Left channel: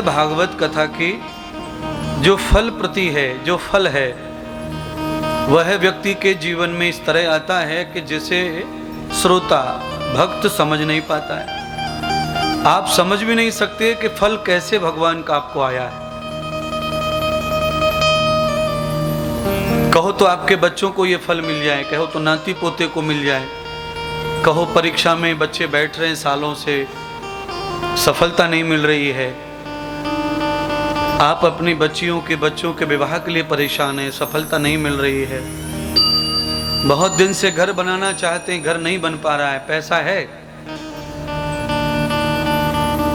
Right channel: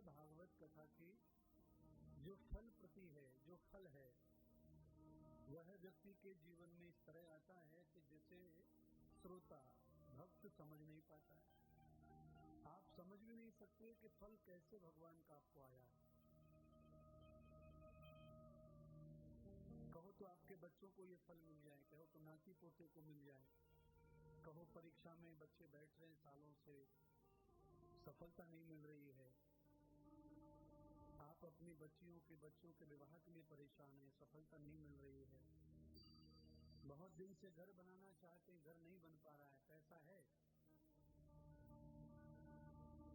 श्रीमद् भागवत कथा की जो फल प्रति है, जो फल है, वह व्यक्ति के जीवन में इस तरह आता है कि जिसे श्रोता भक्त समझ नहीं पाता है। आप समझ भी नहीं सकते कि फल कैसे भगवान का आपको आया है। कहो तो आपके बच्चों को ये फल मिल जाए, कहो तो नाती पोते को मिल जाए, कहो परीक्षा में बच्चे बैठ रहे हैं सालों से, सफलता नहीं मिल रही है। आप अपनी बच्चियों के बच्चों के विवाह के लिए परेशान हैं, सफलता नहीं मिल रही है। बहुत दिन से घर बनाना चाहते हैं, घर नहीं बन पा रहा है, पैसा है।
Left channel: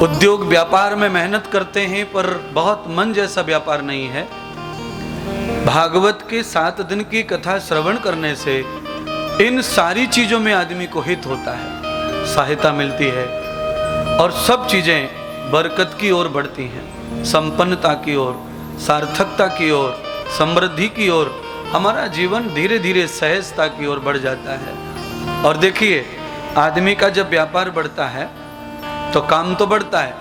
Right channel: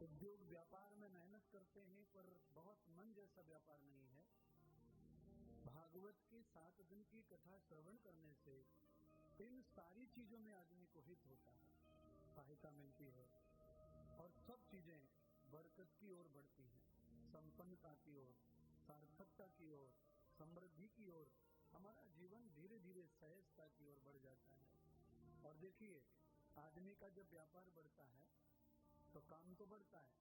उद्योग व्यापार में मेहनत करते हैं पर बहुत मन जैसा व्यापार नहीं है। भागवत के 7 दिन की कथा श्रवण करने से इन सारी चीजों में आदमी को हित होता है, सहायता मिलती है और सब चीजें बरकत की ओर बढ़ती हैं, संपन्नता की ओर, सार्थकता की ओर, समृद्धि की ओर। हमारा जीवन धीरे धीरे सहजता की ओर बढ़ जाता है। और देखिए, आदमी का जब व्यापार बढ़ता है तो काम तो बढ़ता है,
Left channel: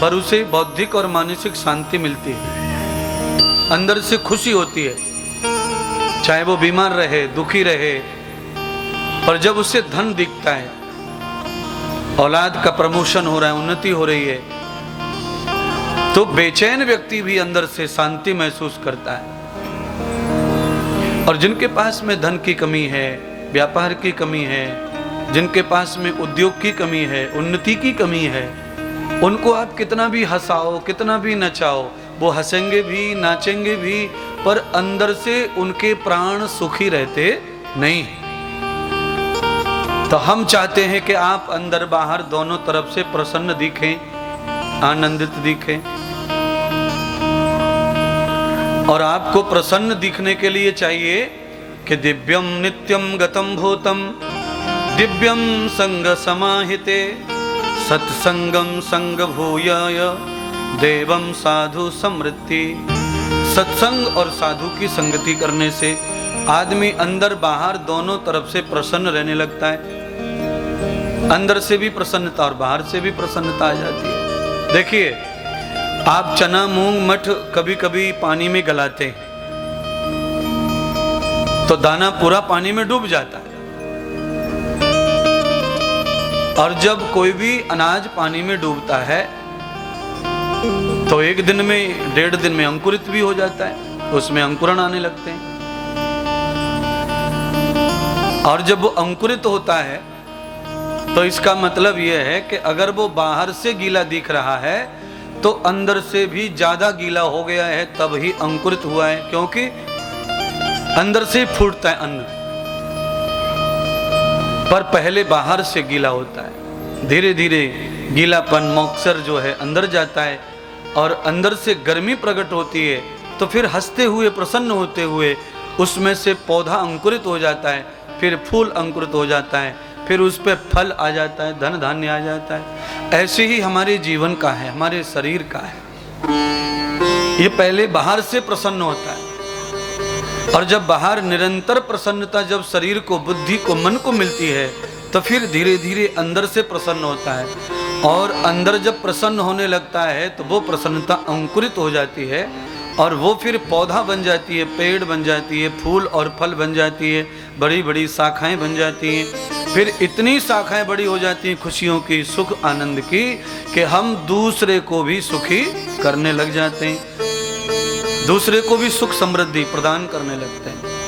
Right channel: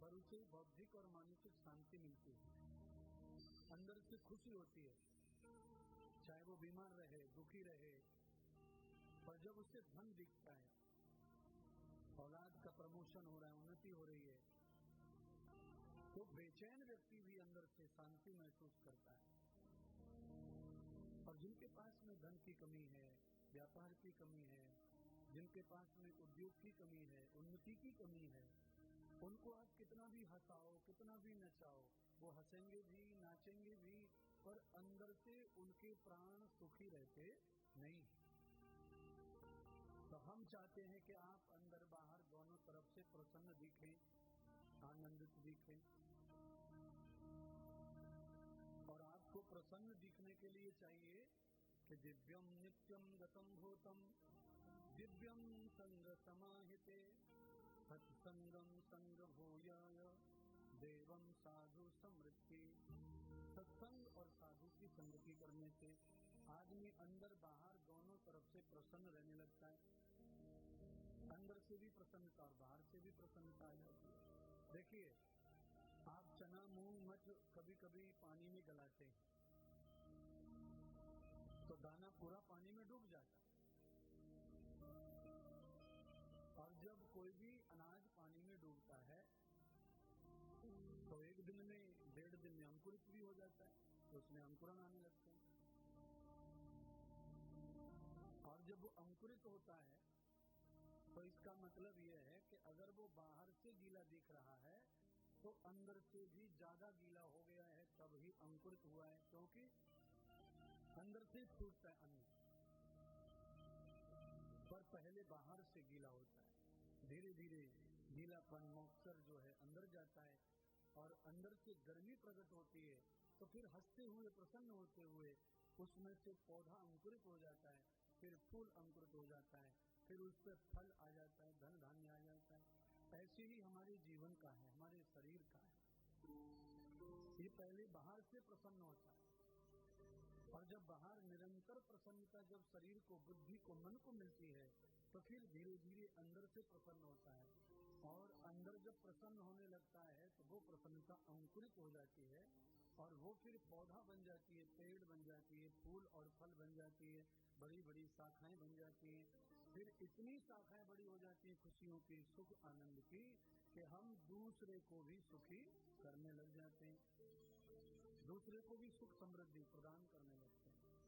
पर उसे बौद्धिक और मानसिक शांति मिलती है, अंदर से खुशी होती है। चाहे वो बीमार रहे, दुखी रहे, पर जब उसे धन दिखता है, औलाद का प्रमोशन हो रहा है, उन्नति हो रही है, तो बेचैन व्यक्ति भी अंदर से शांति महसूस करता है। और जिनके पास में धन की कमी है, व्यापार की कमी है, जिनके पास में उद्योग की कमी है, उन्नति की कमी है, उनको आप कितना भी हंसाओ, कितना भी नचाओ, वो हंसेंगे भी, नाचेंगे भी, पर अंदर से उनके प्राण सुखी रहते नहीं। तो हम चाहते हैं कि आप अंदर बाहर दोनों तरफ से प्रसन्न दिखें, आनंदित दिखें। और आपको प्रसन्न दिखने के लिए चाहिए कि दिव्यम नित्यम गतम भूतम दिव्यम संग समाहिते सत्संगम संग भूयाय देवम साधु समृद्धि। सत्संग और साधु की संगति करने से आदमी अंदर बाहर दोनों तरफ से प्रसन्न रहने लगता है। अंदर से भी प्रसन्नता और बाहर से भी प्रसन्नता आ जाती है। देखिए, आप चना मूंग मठ कभी कभी पानी में गलाते हैं तो दाना पूरा पानी में डूब जाता है, और जब कोई भी अनाज पानी में डूबता है तो 1 दिन में, 1.5 दिन में अंकुरित भी हो जाता है, उसमें अंकुरण आने लगते हैं। और जब वो अंकुरित होता है तो इसका मतलब यह है कि अगर वो बाहर से गीला दिख रहा है तो अंदर से भी ज्यादा गीला हो गया है, तब ही अंकुरित हुआ है, क्योंकि अंदर से फूटता है अन्न, पर पहले बाहर से गीला होता है। धीरे धीरे गीलापन, मॉइस्चर जो है अंदर जाता है और अंदर से गर्मी प्रकट होती है, तो फिर हंसते हुए, प्रसन्न होते हुए उसमें से पौधा अंकुरित हो जाता है, फिर फूल अंकुरित हो जाता है, फिर उस पर फल आ जाता है, धन धान्य आ जाता है। ऐसे ही हमारे जीवन का है, हमारे शरीर का है। ये पहले बाहर से प्रसन्न होता है, और जब बाहर निरंतर प्रसन्नता जब शरीर को, बुद्धि को, मन को मिलती है, तो फिर धीरे धीरे अंदर से प्रसन्न होता है। और अंदर जब प्रसन्न होने लगता है तो वो प्रसन्नता अंकुरित हो जाती है, और वो फिर पौधा बन जाती है, पेड़ बन जाती है, फूल और फल बन जाती है, बड़ी बड़ी शाखाएं बन जाती हैं। फिर इतनी शाखाएं बड़ी हो जाती हैं खुशियों की, सुख आनंद की, कि हम दूसरे को भी सुखी करने लग जाते हैं, दूसरे को भी सुख समृद्धि प्रदान करने लगते हैं।